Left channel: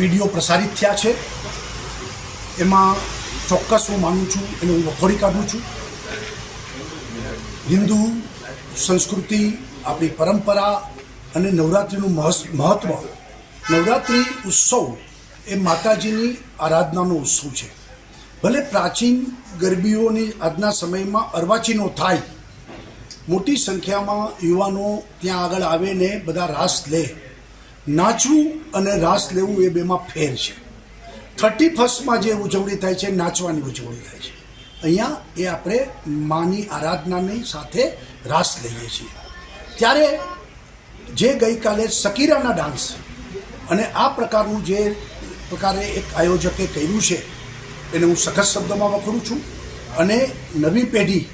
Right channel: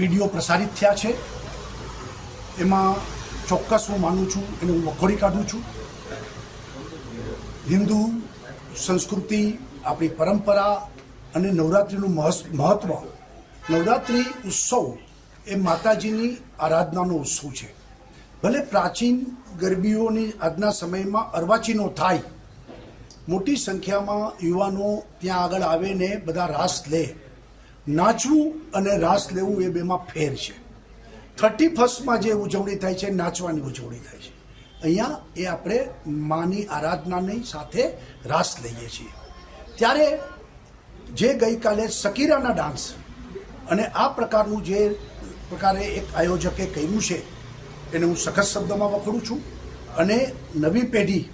Video પ્રસારિત થયા છે એમાં ચોક્કસ હું માનું છું અને હું વખોડી કાઢું છું. હિન્દુ સંસ્કૃતિ, આપણી પરંપરા અને નવરાત્રિનું મહત્ત્વ. નવરાત્રિ ઉત્સવ એ માતાજીની આરાધનાનો ઉત્સવ છે. ભલે પ્રાચીન ગરબીઓની આજના સમયમાં અર્વાચીનો થાય, મોટી સંખ્યામાં યુવાનો ત્યાં આગળ આવે ને બધા રાસ લે. નાચવું અને રાસ લેવું એ બેમાં ફેર છે. 31st જે ઉજવણી થાય છે, નાચવાની ઉજવણી થાય છે. અહીંયા એ આપણે માની આરાધનાની સાથે રાસ લઈએ છીએ. ત્યારે જે ગઈકાલે શકીરાના ડાન્સ અને આ પ્રકારનું જે પ્રકારે એક આયોજકે કર્યું છે એને હું સખત શબ્દમાં વખોડું છું. અને નવી પેઢી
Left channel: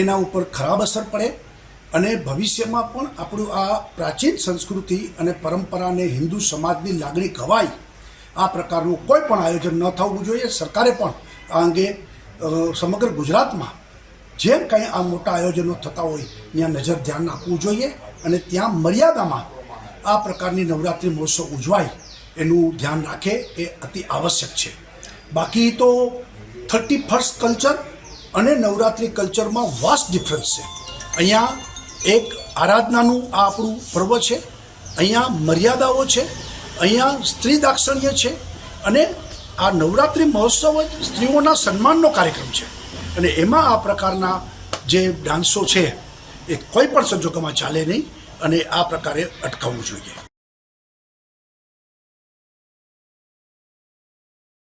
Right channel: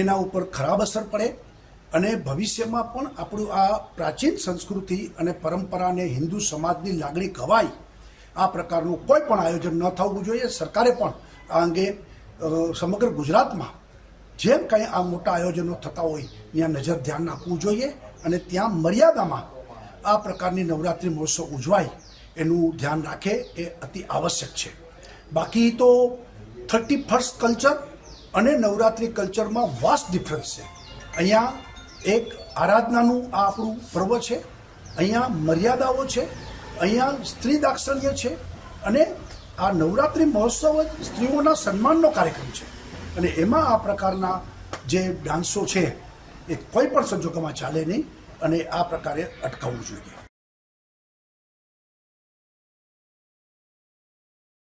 એના ઉપર ખરાબ અસર પડે અને ભવિષ્યમાં પણ આપણું આ પ્રાચીન સંસ્કૃતિ અને પરંપરાને હિન્દુ સમાજની લાગણી ઘવાય આ પ્રકારનું કોઈ પણ આયોજન ન થવું જોઈએ. સરકારે પણ આ અંગે સમગ્ર ગુજરાતમાં જે કંઈ આ મોટા આયોજનો થતા હોય ત્યાં નજર ધ્યાન આપવું જોઈએ અને ત્યાં મર્યાદામાં આ પ્રકારની નવરાત્રિ મહોત્સવ ઉજવાય એનું ધ્યાન રાખે એ અતિ આવશ્યક છે. બાકી તો 31st કલ્ચર અને નવરાત્રિ કલ્ચરમાં વાસ્ટ ડિફરન્સ છે. અહીંયા એક આરાધનાનું આ આપણું પર્વ છે, અહીંયા મર્યાદાઓ છે, અહીંયા સ્ત્રી દાક્ષિણ્ય છે અને આ નવરાત્રિ મહોત્સવ જ સ્ત્રીઓના સન્માનનો કાર્યક્રમ છે. અને એમાં આ પ્રકારના જે ડાન્સો છે એ કોઈ પણ સંજોગોમાં ચાલે નહીં અને આ પ્રકારે અટકાવવું જોઈએ.